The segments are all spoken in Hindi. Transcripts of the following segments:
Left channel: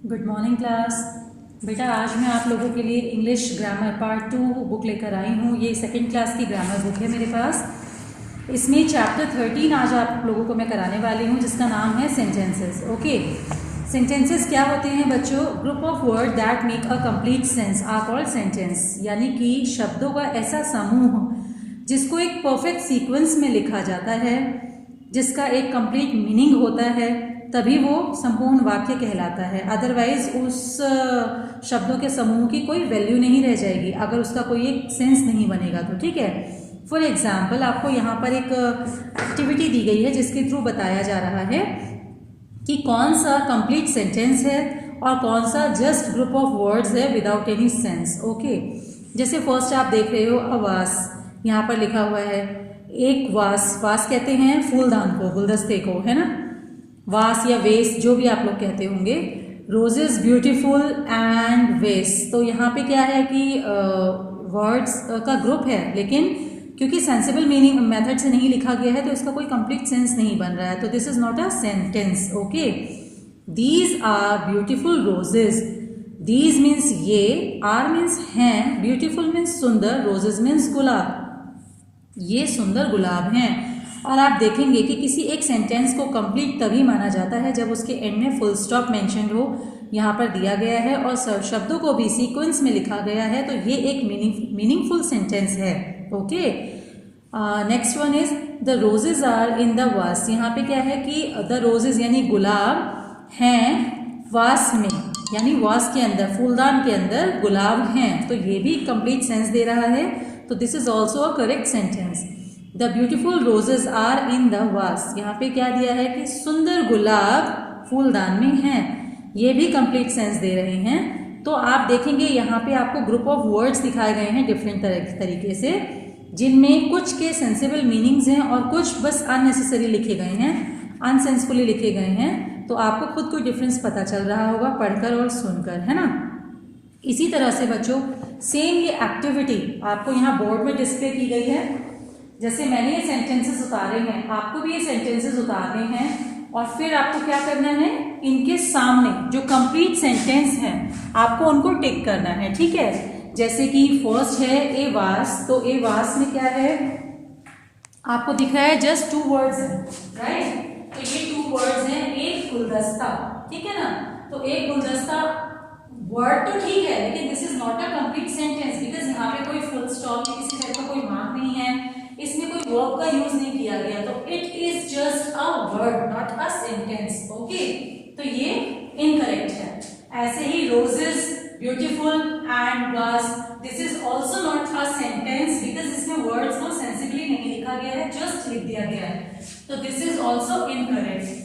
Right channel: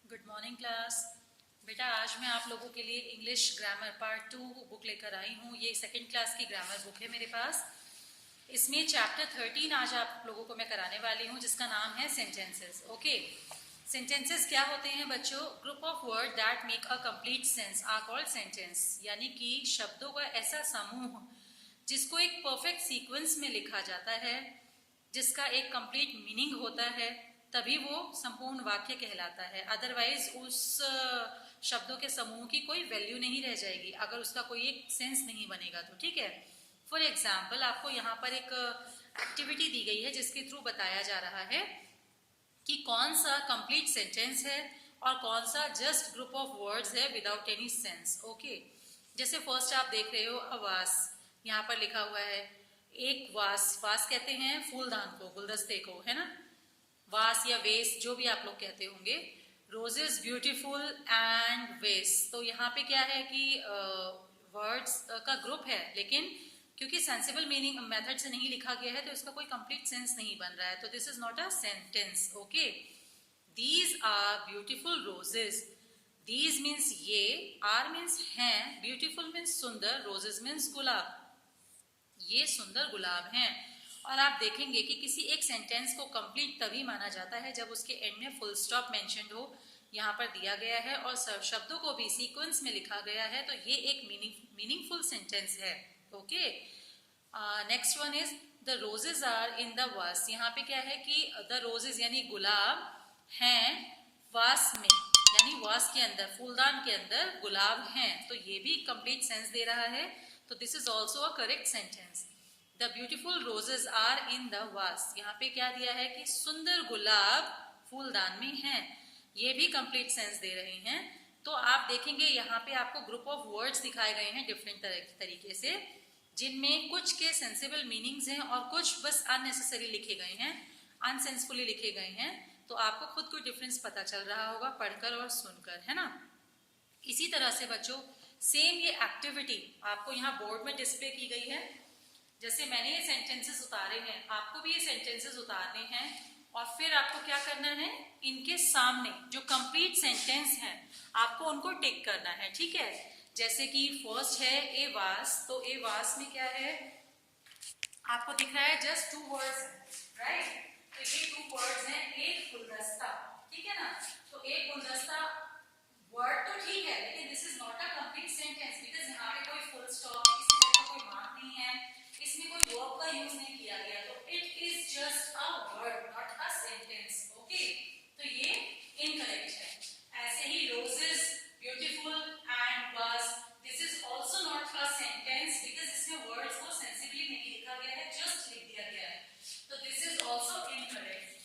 Good morning class. बेटा आज मैं आप लोगों के लिए इंग्लिश ग्रामर पार्ट 2 बुक लेकर आई हूँ। ये सेकंड क्लास की ग्रामर बुक है मेरे पास। इसमें चैप्टर 13 आज आप लोगों को मैं कराने वाली हूँ, जिसका नाम है सेंटेंसेस। ओके, सेंटेंसेस क्या होते हैं बच्चों? Group of word that make a complete sense are called sentence. यानी कि शब्दों का ऐसा समूह जिसको एक परफेक्ट सीक्वेंस में लिखा जाता है, जिसका एक कंप्लीट मीनिंग होता है, तभी वो संपूर्ण वाक्य कहलाता है। अदरवाइज उस शब्दों के समूह की कोई वैल्यू नहीं रह जाएगी अगर उसका कोई एक सेंस नहीं बनेगा तो। ठीक है, फॉर एग्जाम्पल आपको यहाँ पर एक एक्टिविटी दी गई है जिसके थ्रू बताया जा रहा है कि कौन सा कंप्लीट सेंटेंस है और कौन सा जस्ट ग्रुप ऑफ वर्ड्स है विदाउट एनी सेंस। ओके, जैसे फर्स्ट आप देख रहे हो अवास, यहाँ पर लिखा हुआ है एक वास। वास कहते हैं फूलदान को, गुलदस्ते को, है ना, वास या वेस जो भी आप लोग कहते होंगे। रोजेस ब्यूटीफुल एंड वेस, तो यहाँ पे क्या है कि वर्ड्स का ग्रुप है, लेकिन क्योंकि सेंसिबल मीनिंग मेथड से नहीं लिखा गया है तो इसका कोई कंप्लीट सेंस नहीं बन रहा है, तो this is not a sentence. Okay, these are beautiful roses. These means ये, आर मीन्स हैं, ब्यूटीफुल मीन्स सुंदर, रोजेस मीन्स गुलाब, ये सुंदर गुलाब हैं। और आप देखेंगे कि किसी एक सेंटेंस को कंप्लीट तभी माना जाता है जब उसके एंड में फुल स्टॉप मेंशन्ड हो, यहाँ पर दिया गया है, और शब्दों को भी सीक्वेंस में लिखा गया है, तो ये एक मीनिंगफुल सेंटेंस है। Okay, next one is the roses are in the vase. यहाँ पे क्या है कि द रोजेज यानी गुलाब हैं वास में, यानी वास के अंदर, फूलदान के अंदर गुलाब हैं, तो ये भी कंप्लीट सेंस दे रहा है, तो this is also a correct sentence. The beautiful roses are in the vase, यहाँ पे क्या दिया है कि सुंदर गुलाब फूलदान में हैं, ये भी कंप्लीट सेंस दे रहे हैं। तो आप देखेंगे यहाँ पे आपको ग्रुप ऑफ वर्ड्स दिखाए गए हैं डिफरेंट तरीके से, जिनमें कुछ के सेंसिबल मीनिंग्स हैं और कुछ बस अननेसेसरी लिखे गए हैं, अनसेंसफुली लिखे गए हैं। तो आपको खुद को डिफरेंस पता चल रहा होगा पढ़कर और सुनकर, है ना। इसी तरह से बच्चों सेम ये एक्टिविटी आपको यहाँ बोर्ड में डिस्प्ले की गई है। जैसे मैंने ये सेंटेंसेस उतारे हैं, आपको भी ये सेंटेंसेस उतारने हैं, और फिर आपको क्या करना है, इनके सामने जो कंप्लीट सेंटेंस हैं आपको उनको टिक करना है। ठीक है, जैसे कि फर्स्ट है ए वास, तो ए वास में क्या है आपको दिख रहा है, जस्ट 2 वर्ड्स हैं, राइट। तो ये 2 वर्ड्स हैं, एक गुलदस्ता, ठीक है ना। तो एक गुलदस्ता वर्ड तो ठीक है, लेकिन this is not a complete sentence, because यहाँ पे कोई फुल स्टॉप, किसी तरह का कोई मार्क नहीं है, इसमें कोई वर्ब का यूज नहीं किया गया, तो it is just a word not a sentence. Okay, तो ये इनकरेक्ट है। ऐसे ही रोजेस ब्यूटीफुल एंड वास, this is also not a sentence, because इसमें वर्ड्स को सेंसिबली नहीं लिखा गया है, जस्ट लिख दिया गया है, तो this is also incorrect.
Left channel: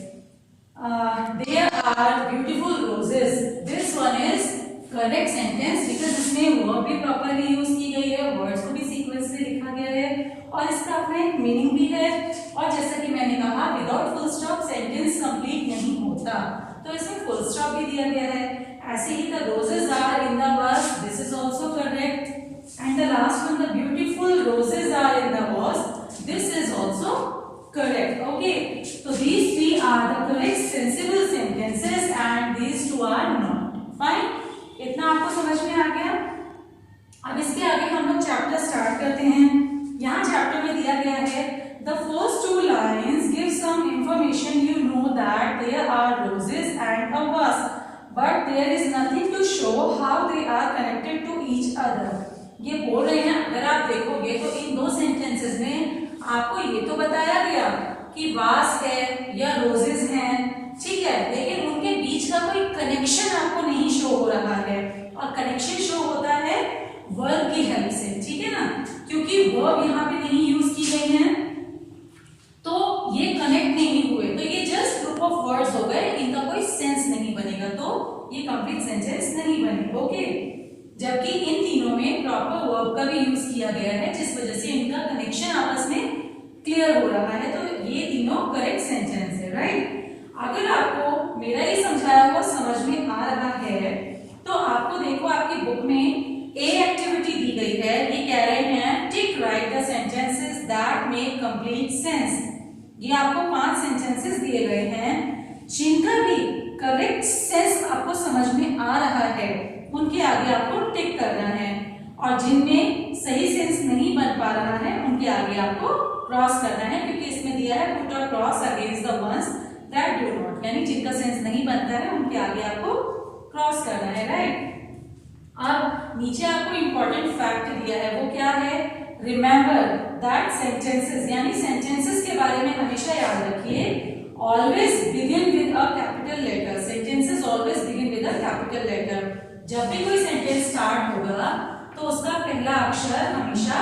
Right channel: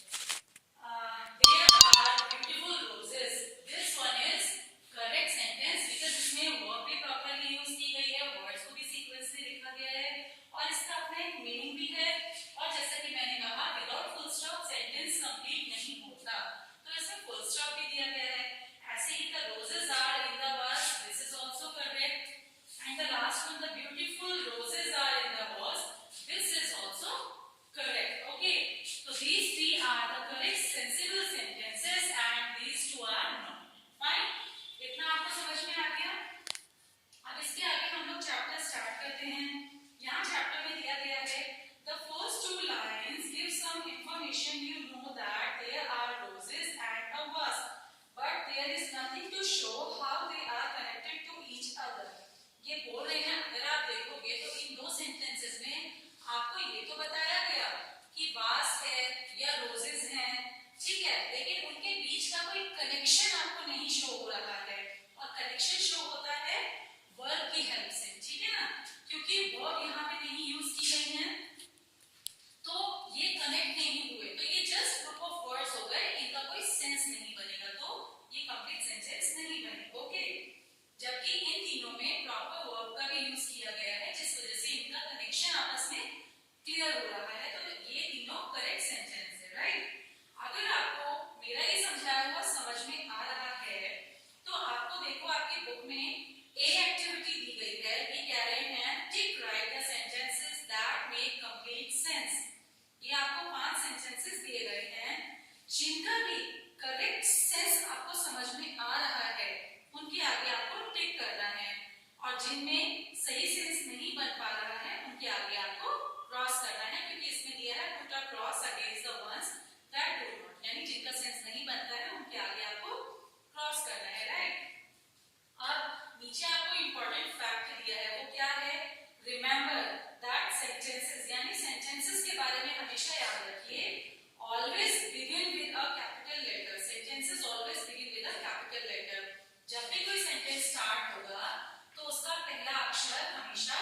There are beautiful roses, this one is correct sentence, because इसमें verb भी properly यूज की गई है, words को भी सीक्वेंस से लिखा गया है, और इसका अपना एक मीनिंग भी है। और जैसा कि मैंने कहा without full stop sentence complete नहीं होता, तो इसमें फुल स्टॉप भी दिया गया है। ऐसे ही the roses are in the vase, this is also correct, and the last one the beautiful roses are in the vase, this is also correct. Okay, so these 3 are the correct sensible sentences and these 2 are not. Fine, इतना आपको समझ में आ गया। अब इसके आगे हम लोग चैप्टर स्टार्ट करते हैं। यहाँ चैप्टर में दिया गया है the first 2 lines give some information, you know that there are roses and a vase, but there is nothing to show how they are connected to each other. ये बोल रहे हैं, अगर आप देखोगे तो इन 2 सेंटेंसेस में आपको ये तो बताया गया कि वास है या रोजेस हैं, ठीक है, लेकिन उनके बीच का कोई कनेक्शन आपको नहीं शो हो रहा है, और कनेक्शन शो होता है वर्ब की हेल्प से, ठीक है ना, क्योंकि वर्ब यहाँ पे नहीं यूज की गई है, तो ये कनेक्ट नहीं हुए, तो ये जस्ट ग्रुप ऑफ वर्ड्स हो गए, इनका कोई सेंस नहीं बनेगा, तो ये कंप्लीट सेंटेंस नहीं बने। ओके, जबकि इन तीनों में प्रॉपर वर्ब का भी यूज किया गया है, जिस वजह से इनका कनेक्शन आपस में क्लियर हो रहा है, तो ये तीनों करेक्ट सेंटेंस है, राइट। अगर आपको मेरा ये समझाया हुआ समझ में आ रहा है, तो आपको देखो आपकी बुक में ए एक्टिविटी दी गई है, ये कह रहे हैं टिक right the sentences that make complete sense. ये आपको 5 सेंटेंसेस दिए गए हैं जिनका भी करेक्ट सेंस आपको समझ आगे आपको टिक करना है, और जिनमें सही सेंस नहीं बन पा रहा है उनके आगे आपको क्रॉस करना है, क्योंकि इसमें दिया है put a cross against the ones that do not, यानी जिनका सेंस नहीं बनता है उनके आगे आपको क्रॉस करना है, राइट। अब नीचे आपको इंपॉर्टेंट फैक्ट दिया है, वो क्या है, रिमेंबर दैट सेंटेंसेस, यानी सेंटेंसेस के बारे में हमेशा याद रखिए, always begin with a capital letter, sentences always begin with a capital letter. जब भी कोई सेंटेंस स्टार्ट होगा तो उसका पहला अक्षर हमेशा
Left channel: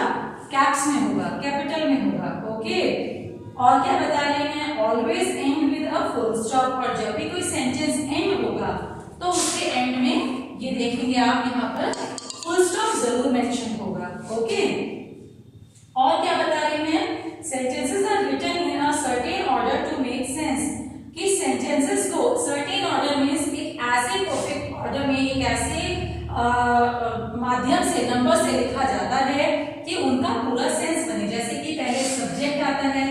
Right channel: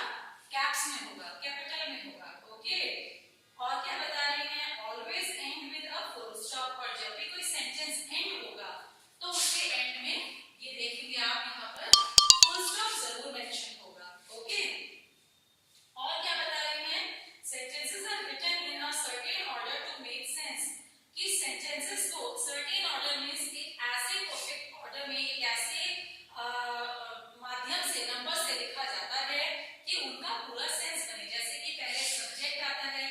कैप्स में होगा, कैपिटल में होगा, ओके। और क्या बता रहे हैं, always and with a full stop, और जब भी कोई सेंटेंस एंड होगा तो उसके एंड में ये देखेंगे आप यहाँ पर फुल स्टॉप जरूर मेंशन होगा, ओके। और क्या बता रहे हैं, sentences are written in a certain order to make sense, कि सेंटेंसेस को सर्टेन ऑर्डर मींस एक ऐसे परफेक्ट ऑर्डर में, एक ऐसे माध्यम से, नंबर से लिखा जाता है कि उनका पूरा सेंस बने। जैसे कि पहले सब्जेक्ट आता है,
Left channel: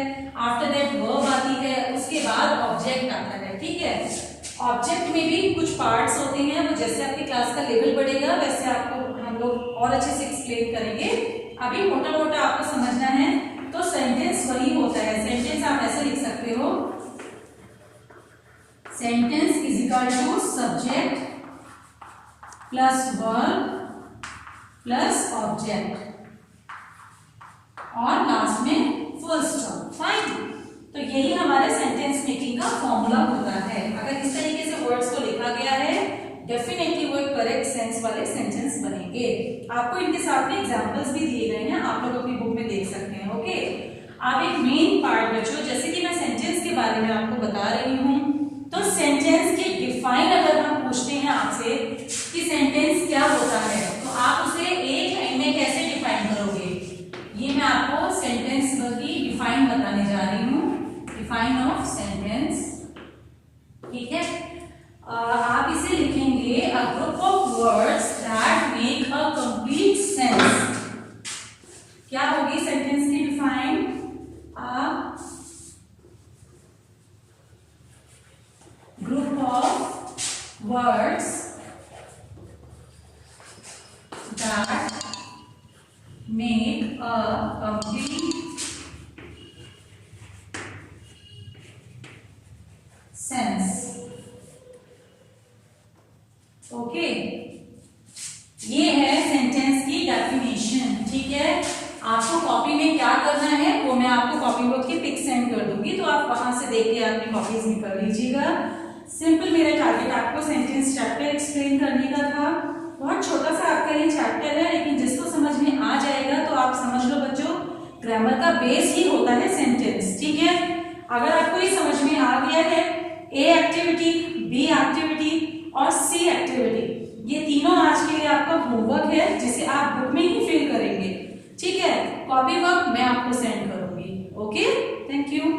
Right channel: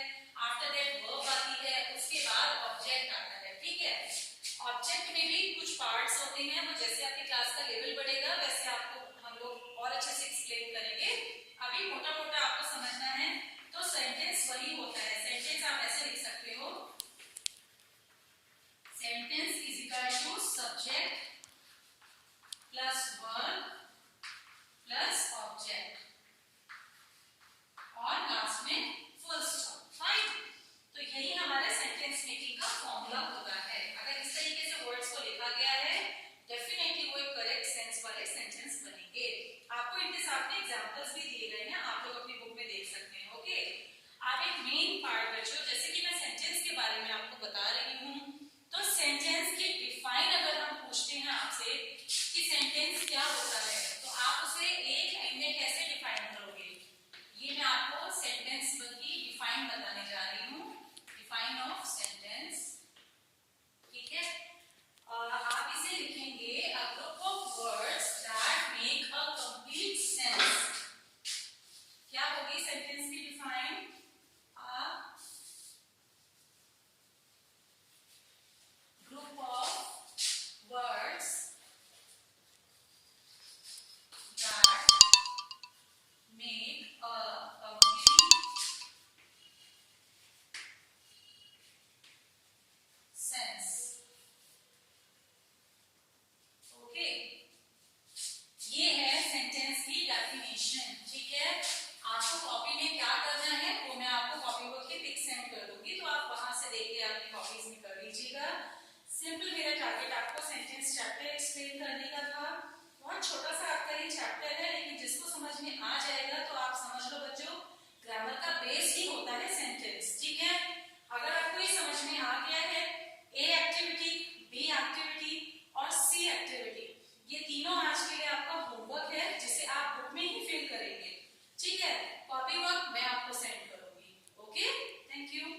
आफ्टर दैट वर्ब आती है, उसके बाद ऑब्जेक्ट आता है, ठीक है। ऑब्जेक्ट में भी कुछ पार्ट्स होते हैं, वो जैसे आपकी क्लास का लेवल बढ़ेगा वैसे आपको हम लोग और अच्छे से एक्सप्लेन करेंगे, अभी मोटा मोटा आपको समझना है। तो सेंटेंस वही होता है, सेंटेंस आप ऐसे लिख सकते हो, sentence is equal to subject plus verb plus object और लास्ट में फुल स्टॉप, फाइन। तो यही हमारे सेंटेंस मेकिंग का फॉर्मूला होता है। अगर इस तरीके से वर्ड्स को लिखा गया है डेफिनेटली वो एक करेक्ट सेंस वाले सेंटेंस बनेंगे। आपको इनके साथ में एग्जांपल्स भी दिए गए हैं, आप लोग अपनी बुक में देख सकते हैं, ओके। आप एक मेन पार्ट बच्चों, जैसे कि मैं सेंटेंस के बारे में आपको बता रही हूँ, तो सेंटेंस के डिफाइन अगर हम पूछते हैं आपसे कि सेंटेंस क्या होता है, तो आप उसे एक लाइन में कैसे डिफाइन करोगे, ये मैं आपको सेंटेंस की डिफाइन बताने जा रही हूँ, डिफाइन ऑफ सेंटेंस, ठीक है। आप इसे लिखेंगे a group of words that make a complete sense. क्या होगी सेंटेंस की define, a group of words that make a complete sense, okay. ये है सेंटेंस की डेफिनेशन, ठीक है। आपको कॉपी में क्या करना है वो मैं आपको कॉपी बुक की पिक सेंड कर दूंगी, तो आप वहां से देख के अपनी कॉपीज में कर लीजिएगा। सिंपल मेरा टारगेट आपको सेंटेंस चैप्टर एक्सप्लेन करने का था, बहुत छोटा सा आपका ये चैप्टर है, लेकिन जिसको समझ में आ जाएगा तो आप समझ लो बच्चों ग्रामर का बेस ही होता है सेंटेंस, ठीक है। अगर आपको ये समझ में आ गया है, ए एक्टिविटी, बी एक्टिविटी और सी एक्टिविटी, ये तीनों आज के लिए आपका होमवर्क है जिसे आप बुक में ही फिल करेंगे, ठीक है। कॉपी वर्क मैं आपको सेंड करूंगी, ओके। Thank you.